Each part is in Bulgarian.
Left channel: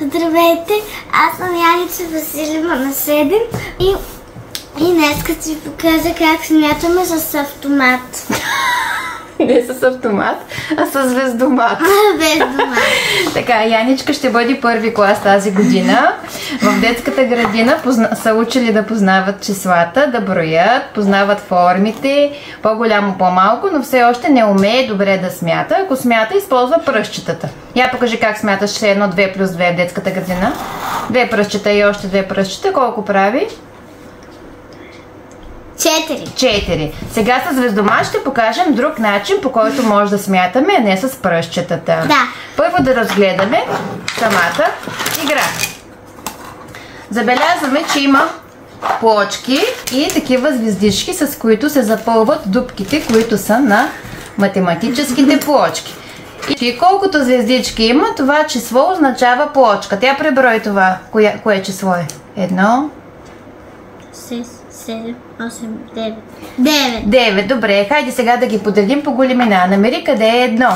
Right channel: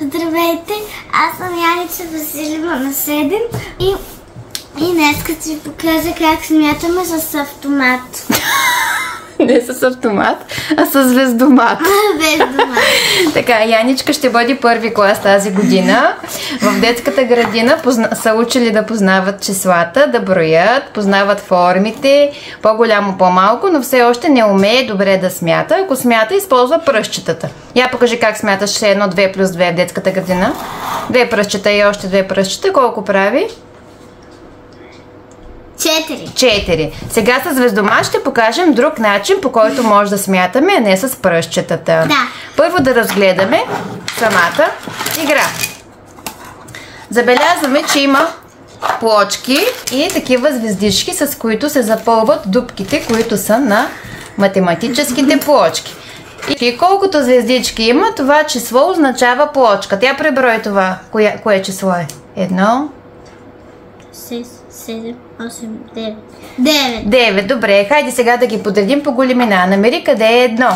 Здравейте, аз съм Яница Василева на 7 и днес ще ви покажа как смятаме с автомат. Не с автомат, а с звездомат. Звездомат. Така, Яничка ще бъде първи клас тази година. В детската градина са учили да познават числата, да броят, познават формите, по-голямо, по-малко, но все още не умее добре да смята. Ако смята, използва пръстчетата. Я покажи как смяташ 1, 2 плюс 2 в детската градина. 2 пръстчета и още 2 пръстчета. Колко прави? 4. Сега с звездомат ще покажем друг начин, по който може да смятаме, а не с пръстчетата. Да. Първо да разгледаме самата игра. Забелязваме, че има плочки и такива звездички, с които се запълват дупките, които са на математическите плочки. И колкото звездички има, това число означава плочка. Тя преброи това. Кое число е? 1, 6, 7, 8, 9. 9, добре. Хайде сега да ги подредим по големина. Намери къде е 1.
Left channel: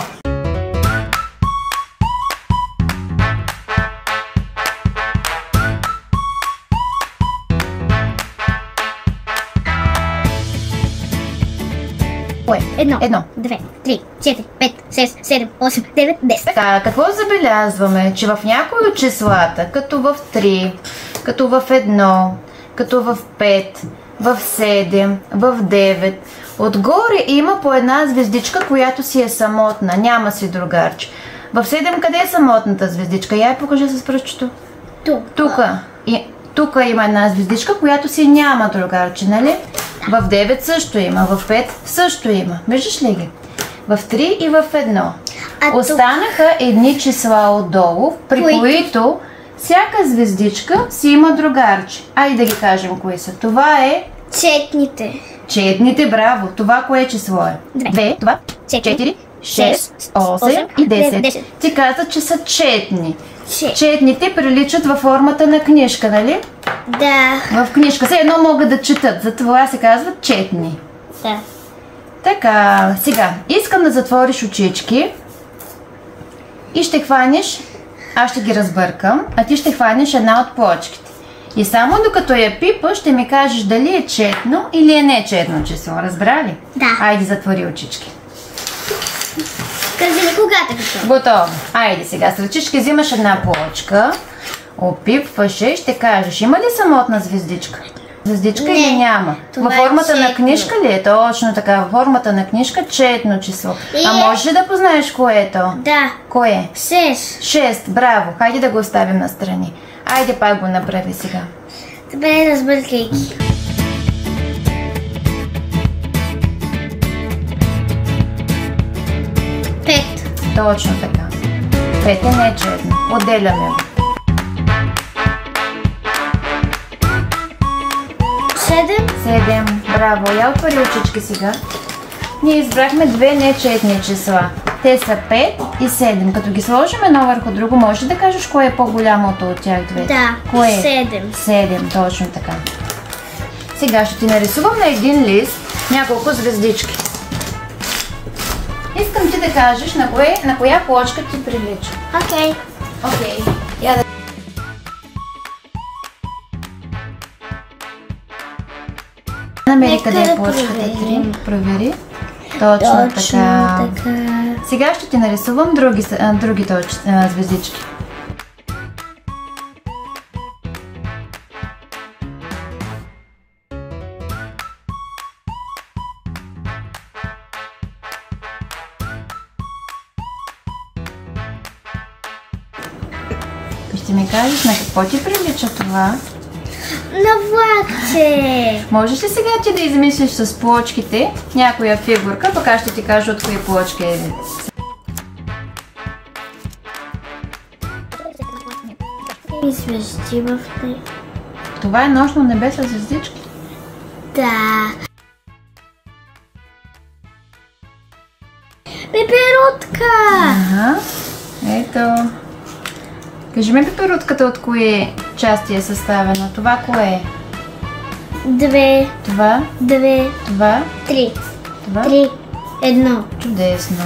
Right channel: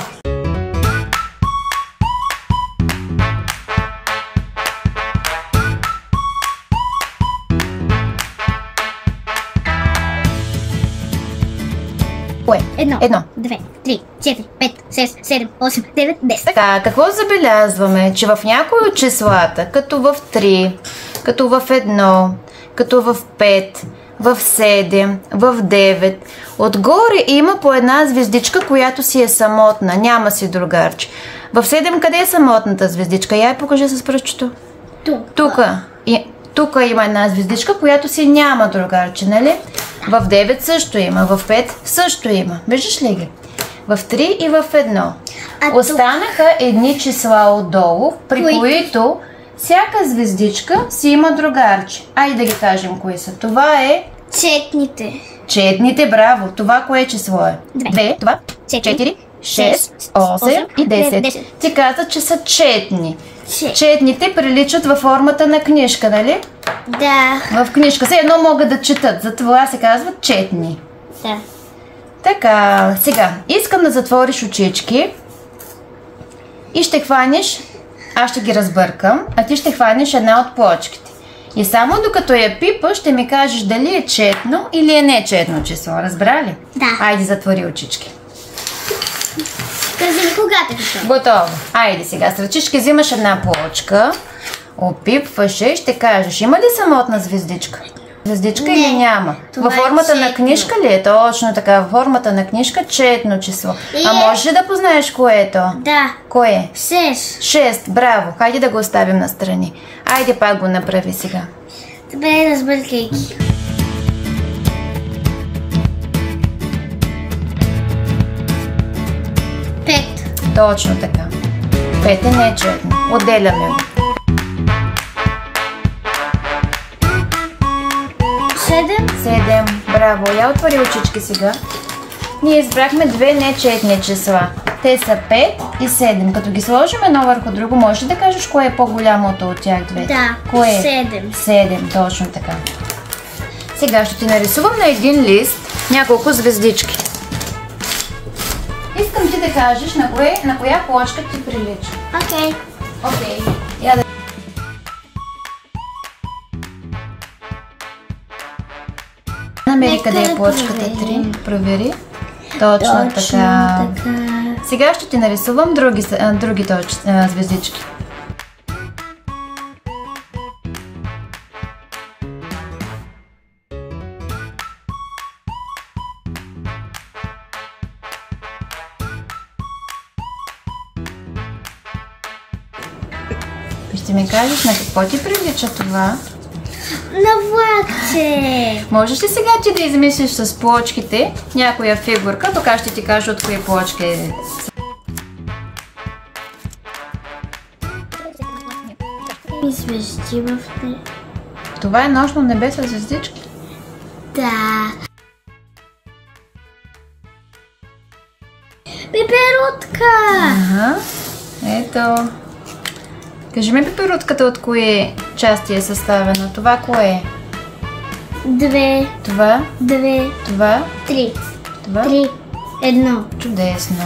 Кое? 1, 2, 3, 4, 5, 6, 7, 8, 9, 10. Така, какво забелязваме? Че в някои от числата, като в 3, като в 1, като в 5, в 7, в 9, отгоре има по една звездичка, която си е самотна, няма си другарче. В 7 къде е самотната звездичка? Я покажи с пръстчето. Тук има една звездичка, която си няма другарче, нали? В 9 също има, в 5 също има. Виждаш ли ги? В 3 и в 1. Останаха едни числа отдолу, при които всяка звездичка си има другарче. Айде да ги кажем кои са. Това е... Четните, браво. Това кое число е? 2, 4, 6, 8 и 10. Ти каза, че са четни. Четните приличат във формата на книжка, нали? Да. В книжка все едно могат да четат, затова се казват четни. Да. Така, сега, искам да затвориш очички и ще хванеш, аз ще ги разбъркам, а ти ще хванеш една от плочките. И само докато я пипаш, ще ми кажеш дали е четно или е нечетно число. Разбра ли? Да. Айде, затвори очички. Кажи ми когато е готово. Готово. Айде сега, с ръчички взимаш една плочка, опипваш и ще кажеш, има ли самотна звездичка? Звездичка или няма? Във формата на книжка ли е? Точно така, във формата на книжка четно число. А можеш ли да познаеш кое е то? Да. Кое? 6. Браво. Хайде да го оставим настрани. Айде пак го направи сега. Добре, разбъркайки. Точно така. 5 е нечетно. Отделяме го. 7. Браво. Я отвори очички сега. Ние избрахме две нечетни числа. Те са 5 и 7. Като ги сложим едно върху друго, можеш да кажеш кое е по-голямото от тях две? Да. Кое е? 7. Точно така. Сега ще ти нарисувам на един лист няколко звездички. Искам ти да кажеш на коя плочка ти прилича. Окей. Намери къде е плочката 3. Провери. Точно така. Сега ще ти нарисувам другите звездички. Ще ми кажеш на какво ти прилича това? На влакче. Можеш ли сега ти да измислиш с плочките някоя фигурка, пък аз ще ти кажа от кои плочки е? И звезди в нея. Това е нощно небе с звездички? Да. Пеперутка. Ето. Кажи ми пеперутката от кои части е съставена? Това кое е? 2. Това? 2. Това? 3. Това? 3. 1. Чудесно.